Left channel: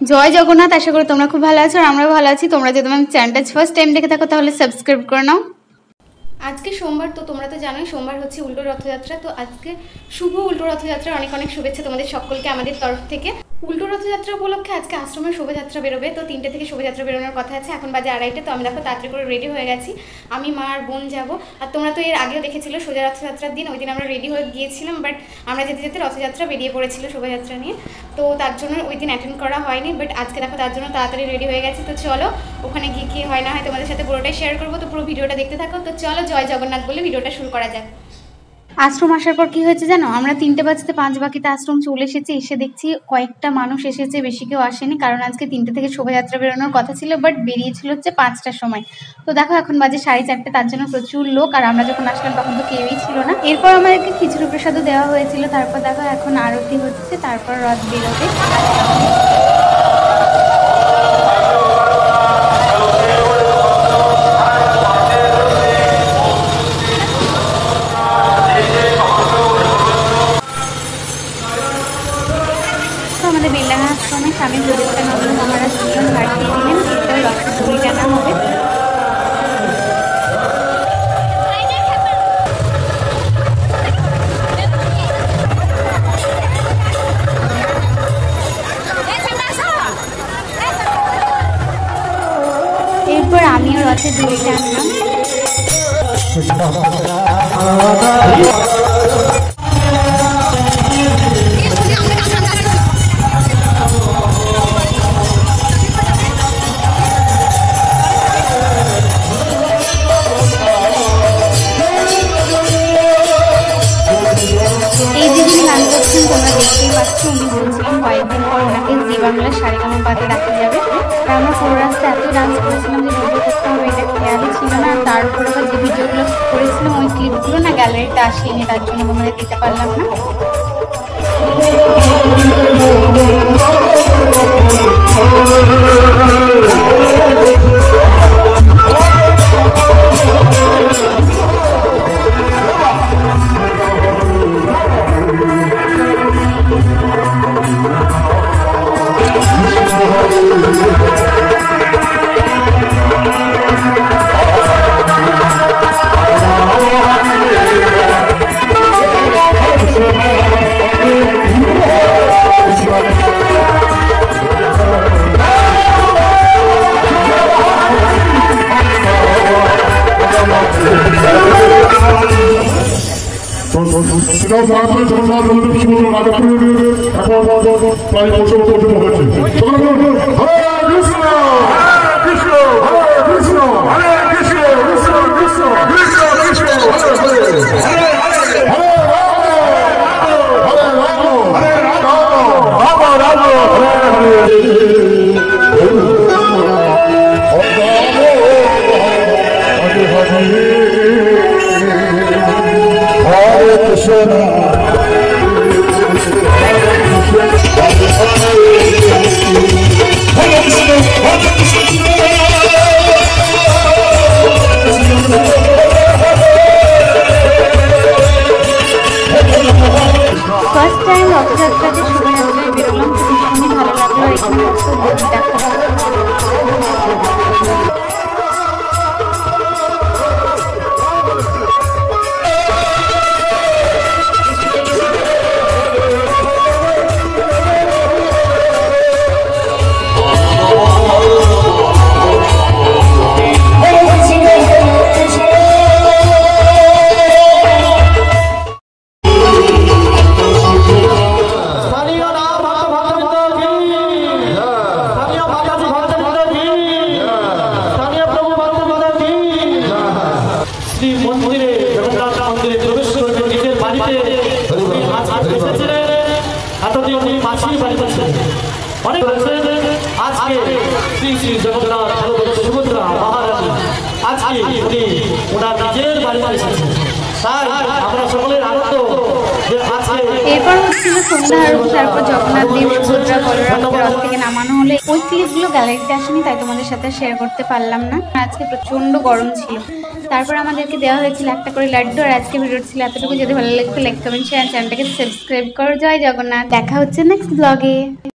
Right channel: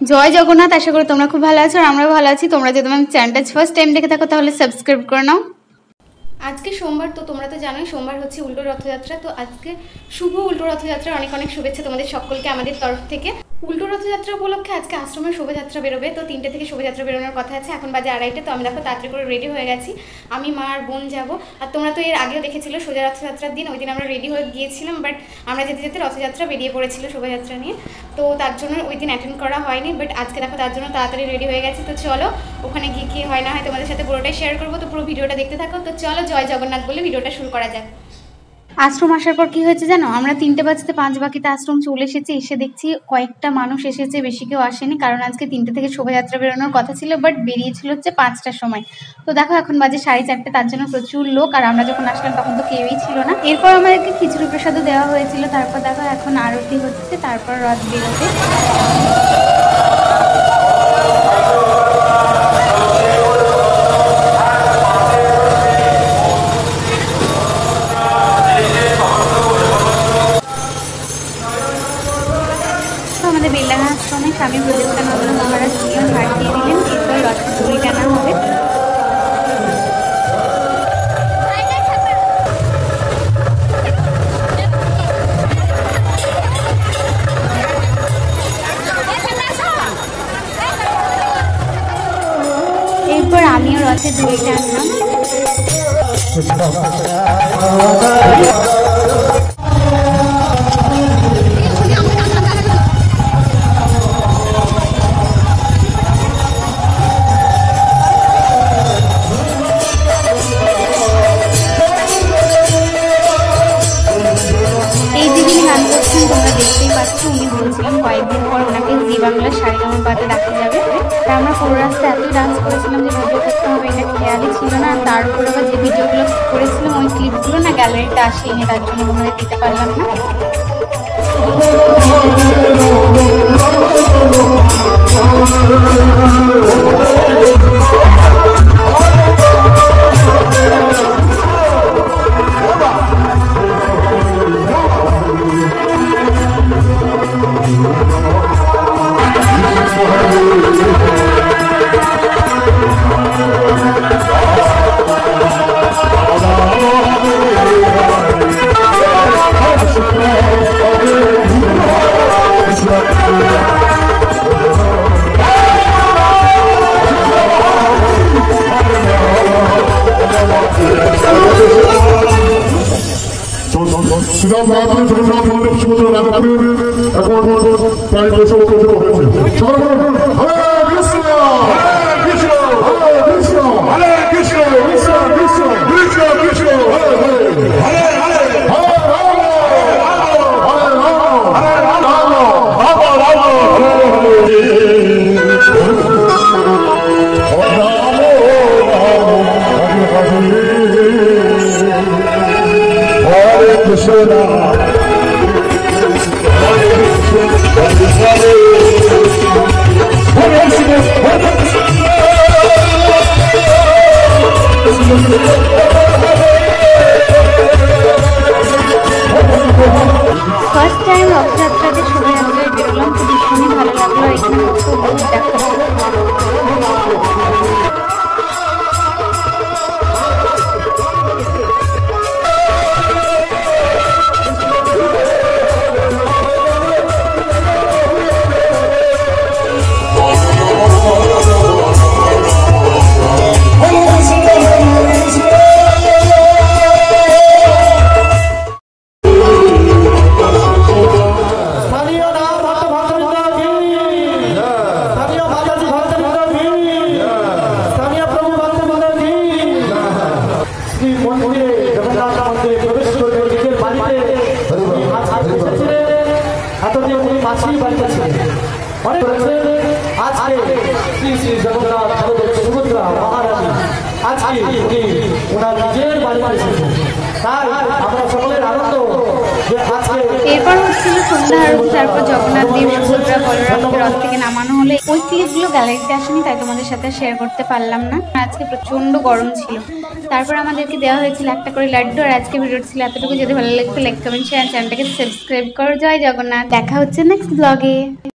জয় জগন্নাথ। আশা করি তোমরা খুব ভালো আছো আর আমরাও ভালো আছি। তোমরা যদি আমার চ্যানেলটা ফার্স্ট টাইম দেখে থাকো তাহলে সাবস্ক্রাইব করে নাও। আজকে সোমবার, তো তোমরা তো জানোই সোমবার হচ্ছে উল্টো রথযাত্রা। তো আজকে শুভ উল্টো রথযাত্রার অনেক অনেক শুভেচ্ছা তোমাদের সকলকে আমাদের তরফ থেকে। উল্টো রথযাত্রা উপলক্ষে আজকে আশ্রমের শোভাযাত্রা বেরোবে, তো 3টে থেকে শোভাযাত্রা বেরোনোর কথা আছে। এখন বাজে 2:30। তো আমি দেখো তাড়াতাড়ি করে রেডি হয়ে গেছি। আমি মা আর বোন যাবো। আর তোমরা তো এর আগেও দেখেছিলো সোজা রথযাত্রার দিন, ওই দিন আমরা রেডি হয়ে গিয়েছিলাম, বাট আমরা যেতে যেতে রথযাত্রা বেরিয়ে পড়েছিল শোভাযাত্রা নিয়ে, তো তার জন্য ওই দিন অ্যাটেন্ড করা হয়নি। বাট আজকে দেখো তার জন্য তাড়াতাড়ি রেডি হয়ে গেছি। তো চলো ওখানে গিয়ে কী হয় না হয় তোমাদের সাথে পুরোটাই শেয়ার করবো। তো পুরো ভিডিওটা দেখতে থাকো। তো চলো জয় জগন্নাথ বলে ভিডিওটা শুরু করা যাক। আশ্রম আসার পর কি হয়েছে জানো, আমরা 3টে বাজতে 5 বাকিতে আশ্রম চলে এসেছি। এসে দেখছি কয়েকটা মানুষ এসেছে, বেশি কেউ আসেনি, কারণ আজকে 3টে থেকে শোভাযাত্রা বেরোনোর কথা ছিল, বাট বেরিয়েছিল হচ্ছে 5টার সময়। তো দেখো এখন বাজে 4:30, তার জন্য প্রচুর লোক। আর আমরা যখন আসলাম তখন তো কেউই ছিল না। এরপর আমাদেরকে খিচুড়ি প্রসাদও দেওয়া হয়েছিল। তারপর দেখো এখন আরতি হচ্ছে, তারপর রথ বেরোবে। আমাদের বেলডাঙ্গা আশ্রমে স্বামী প্রদীপ্তানন্দ মহারাজ তিনিও ঝাড় দিয়ে দিলেন। এরপর রথের দড়ি টানা হবে। এরপর আমিও রথের দড়ি টানলাম। এই যে যিনি গান করছেন তোমরা দেখতেই পাচ্ছ, উনি বলছিলেন কয়েকদিন পর ওনাকে জি বাংলা সারেগামাপাতে দেখা যাবে। তা আমরা পুরো রাস্তা এতই ডান্স করেছিলাম যে ভিডিও করতে হবে এটা খেয়ালই ছিল না। আর তার উপর আবার যে ভিডিওগুলো করেছিলাম ওই ক্লিপগুলো না গ্যালারিতে আসেনি, তার জন্য তোমাদের দিতে পারলাম না। ফার্স্ট টাইম রথযাত্রাতে শোভাযাত্রায় বেরোলাম, তো ভীষণই ভালো লাগলো। আর এখানে কত লোক দেখো। এরপর হচ্ছিল সন্ধ্যা আরতি, তারপর জগন্নাথ দেব সুভদ্রা বলরামকে রথ থেকে নামানো হলে ওই ক্লিপগুলো গ্যালারিতে আসেনি, তাই তোমাদের সাথে শেয়ার করতে পারলাম না। আজকে প্রচন্ড গরম ছিল। তারপর আমাদেরকে দেওয়া হয়েছিল একটা করে লাড্ডু। আর আজকে ভিডিও ছিল এতটুকু। যদি ভালো লাগতো লাইক কমেন্ট শেয়ার, চ্যানেলটাকে সাবস্ক্রাইব করো। জয় জগন্নাথ। দেখা হচ্ছে নেক্সট ব্লগে।